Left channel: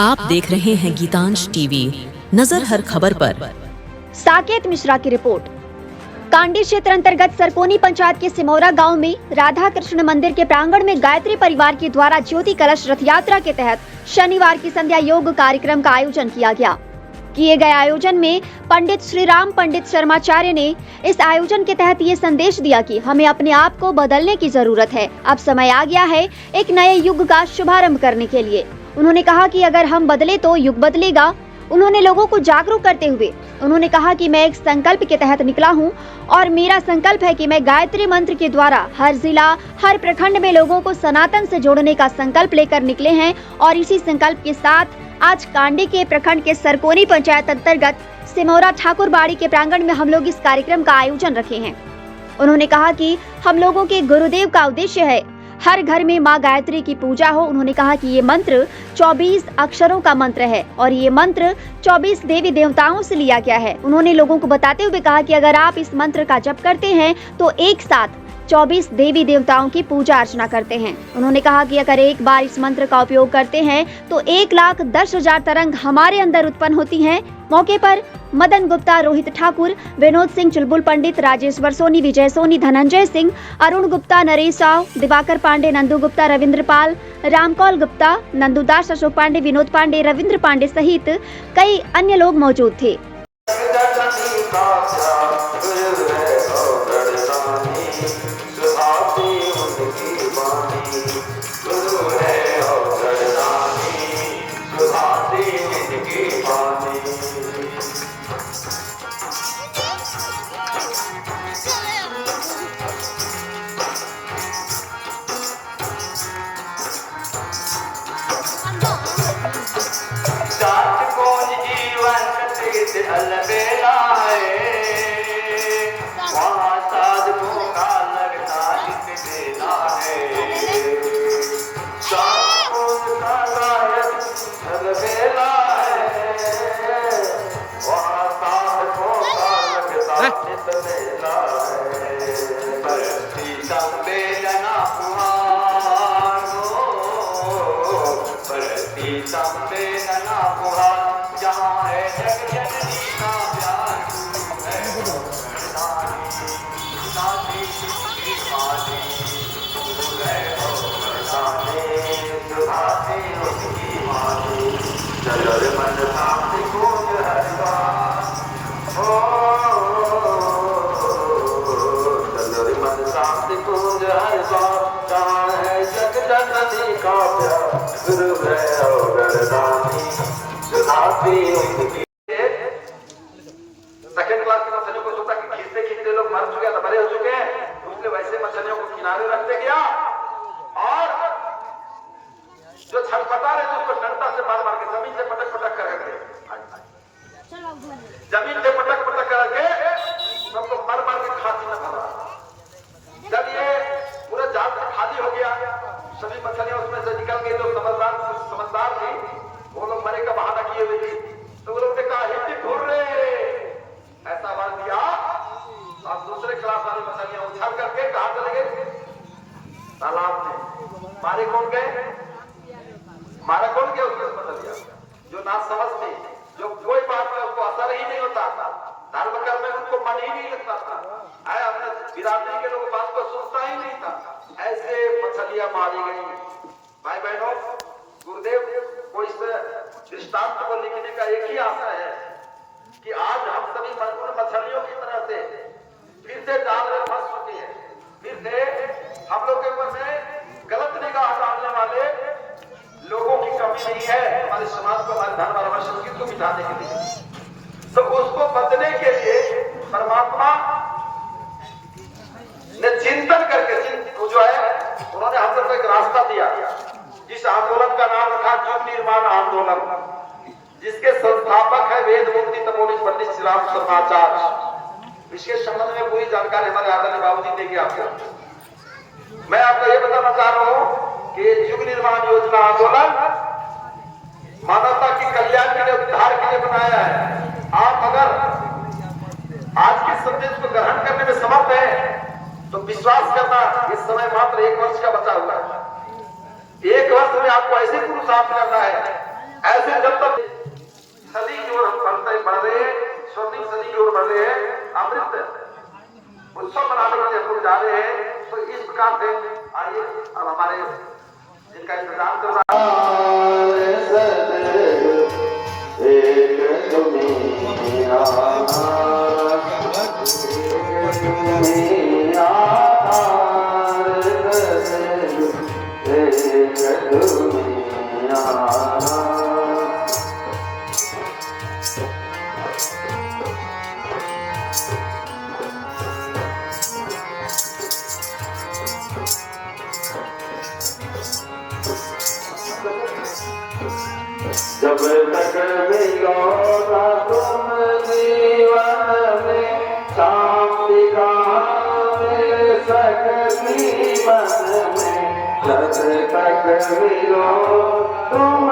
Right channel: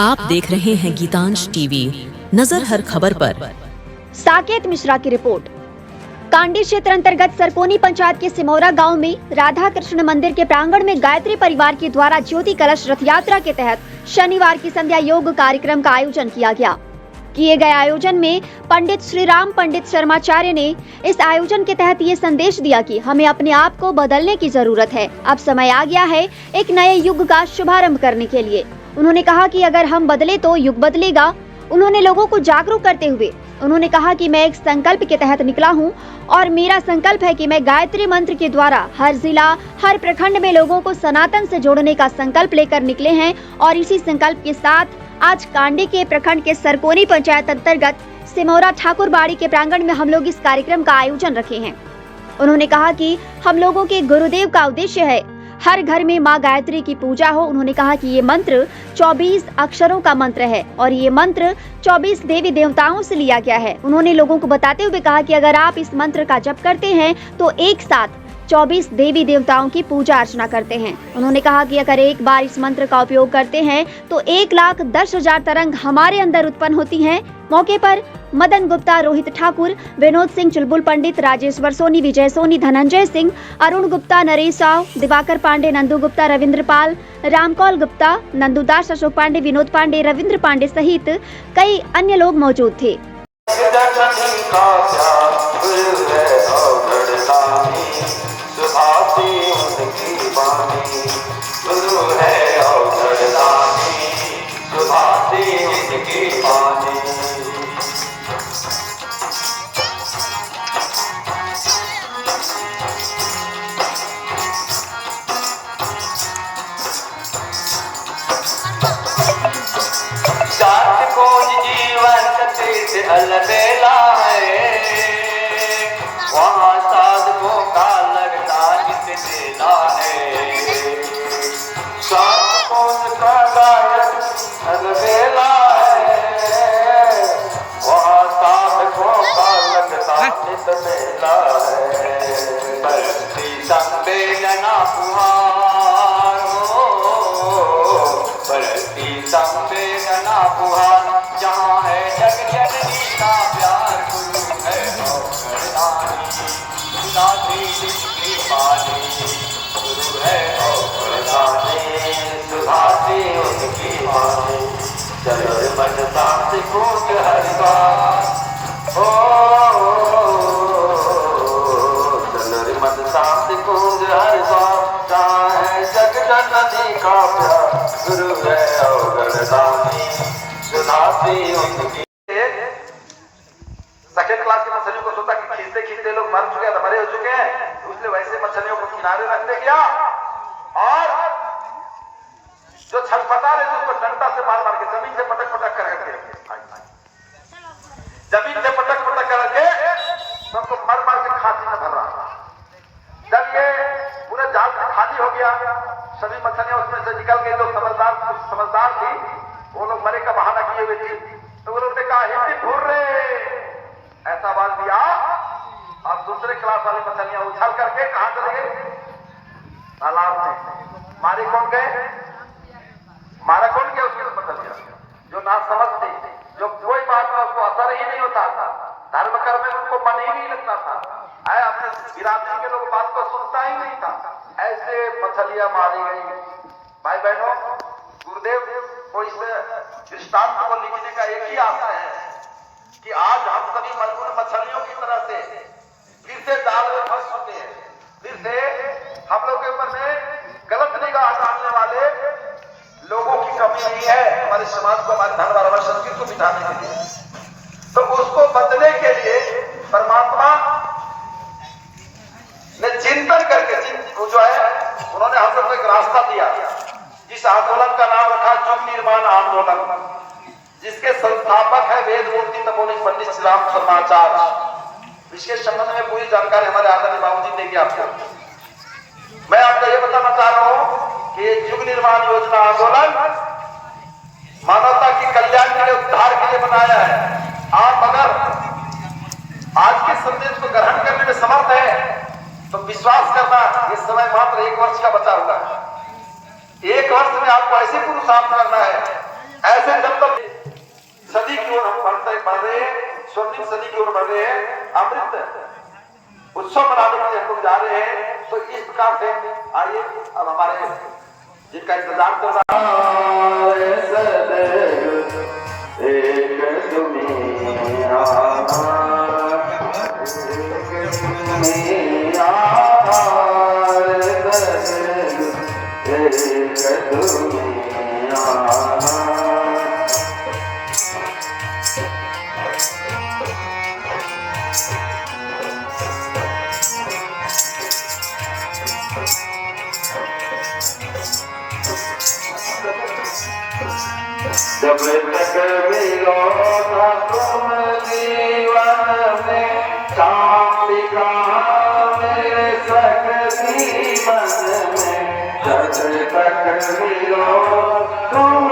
आप देख रहे हैं गीतांश टीवी, नजर हर खबर पर। साकेत मिश्रा की रिपोर्ट। कांडी क्षेत्र अंतर्गत सरकोनी पंचायत के सिमौरा गांव में राधा कृष्ण मंदिर के प्रांगण में गायत्री परिवार के द्वारा ज्योति कलश रथ यात्रा के तहत शनिवार की संध्या योग कार्यक्रम का आयोजन किया गया। किए गए आयोजन में पंडित श्री राम पंडित शर्माचार्य ने इस आयोजन के तहत ये संदेश दिया कि हमें अपने आप को बदलने की जरूरत है। अब समय आ गया है एक नए युग का शुभारंभ करने के लिए। उन्होंने कहा कि अगर हम बदले तो युग बदलेगा। उन्होंने लोगों को जागरूक करते हुए उन्होंने कहा कि मैं एक संकल्प के तहत निकला हूं और मेरा संकल्प है कि मैं गायत्री मंत्र के द्वारा हर जिला, हर प्रखंड में लोगों को सनातन से जोड़ने का संकल्प लेकर निकले हैं। और इसी संकल्प के साथ आज कांडी के प्रखंड के सरकोनी पंचायत अंतर्गत सिमौरा ठाकुरबाड़ी के प्रांगण में हम लोग इस कार्यक्रम का आयोजन रखे हैं। उन्होंने कहा कि हम लोगों के गुरुदेव का उद्देश्य है हर घर में माँ गायत्री की पूजा हो। उन्होंने कहा कि ये मंत्र 24 अक्षरों का मंत्र है और ये मंत्र 24 देवी देवताओं से लिया गया है। उन्होंने लोगों को बताते हुए कहा कि अगर आप इस मंत्र का जप करते हैं तो एक साथ 24 देवी देवताओं की पूजा अर्चना करते हैं। उन्होंने कहा कि अगर एक बार इस मंत्र का उपयोग करते हैं तो 1,10,000 तरंग हमारे अंदर उत्पन्न होती हैं। मौके पर मदन गुप्ता, रोहित ठाकुर, विनोद सिंह, चुलबुल पंडित, राजेश्वर सोनी, विजय सोनी, धनंजय सिंह, अरुण गुप्ता, नरेश साव, दिवाकर पांडे, नंदू गुप्ता, रविंद्र पाल, रामकौल गुप्ता, नंदुदास, अशोक पांडे, विनोद पांडे, रविंद्र पांडे सहित कई अन्य लोग मौजूद थे। अलबेला है वहाँ साधकों का लगता नित मेला है। साधकों का अलबेला है वहाँ साधकों का लगता नित मेला है। बरसी संवेदना पुहार हो, बरसी संवेदना पुहार जहाँ है गुरु है अवगढ़दानी सुधाती उनकी। सेकंड क्लास की मछलियों को सोचा कि खींचते खींचते लोग मर चुके हैं, मरे हो चुके हैं, इसलिए वैसे मछलियों को किनारे रख दे गया और जो छटपटा रहे थे उसको डंडा से मार मार के जमीन से पटक पटक करके सबको मार मार के खांसी में भर रहा। जब ये पूरा जाल खाली हो गया, सभी मछलियां उसमें से निकल गई, तो समझदार थी, वो लोग मरे का बहाना किए हुए थे, तो वो लोग ने कहा हिंदी भूल रहे ऐसा आवाज दिया। अब दूसरे क्लास वाली मछलियां उछल करके कहां चले गई? तालाब में। मारे कौन गए? मारा कौन गया? उसकी मछलियां जो ना समझ थी, जो कोई बात का उसको असर ही नहीं होता था, धर्म कर्म में उनको मन ही नहीं लगता था, अपने बिरादरी के लोग बात को सुनता ही नहीं था, ऐसे मछलियां मारी गई। भाई बहनों, गुरुदेव को इस दृष्टांत को लिखने का एक ही आशा है कि आज हम सभी मजबूर मछलियों की तरह से फिर से जाल में फंस चुके हैं। फिर से हम लोग के ऊपर में गलत निगाह डालने वाले लोगों की कमी नहीं है हमारे समाज को, हमारे धर्म और संस्कृति को मिटाने के लिए। तो उसको बदलने के लिए परमात्मा ने चिंतन करके जो है उन्होंने हम लोग को एक रास्ता दिया, जिस आंदोलन का नाम रखा युग निर्माण आंदोलन, जिसके संस्थापक है वेद मूर्ति तपोनिधि पंडित श्री राम शर्माचार्य। इसके संबंध में पूरी जानकारी हमारे आदरणीय बाबूजी देंगे आपको। मैं आपको ये बताना चाह रहा हूँ कि युग निर्माण योजना आंदोलन मानवता की कल्याण के लिए, उद्धार के लिए बनाया है। आप अगर आज के संदेश को ग्रहण करने में समर्थ है तो विश्वास करना, इस समय मात्र 1 वर्ष का बचा हुआ है। 1 वर्ष में आपको ऐसे पुरुषार्थ करना है, ऐसे ऐसे जब तक सदी की ओर हम बढ़ रहे हैं, स्वर्णिम सदी की ओर बढ़ रहे हैं, अमृत उत्सव मनाने के लिए हम लोग जा रहे हैं। तो इस प्रकार से आइए अब हमारे जिनका इंतजार कर रहा जब तक मिलो ना तुम जीवन में शांति कहाँ मिल सकती मन में, जब तक मिलो तुम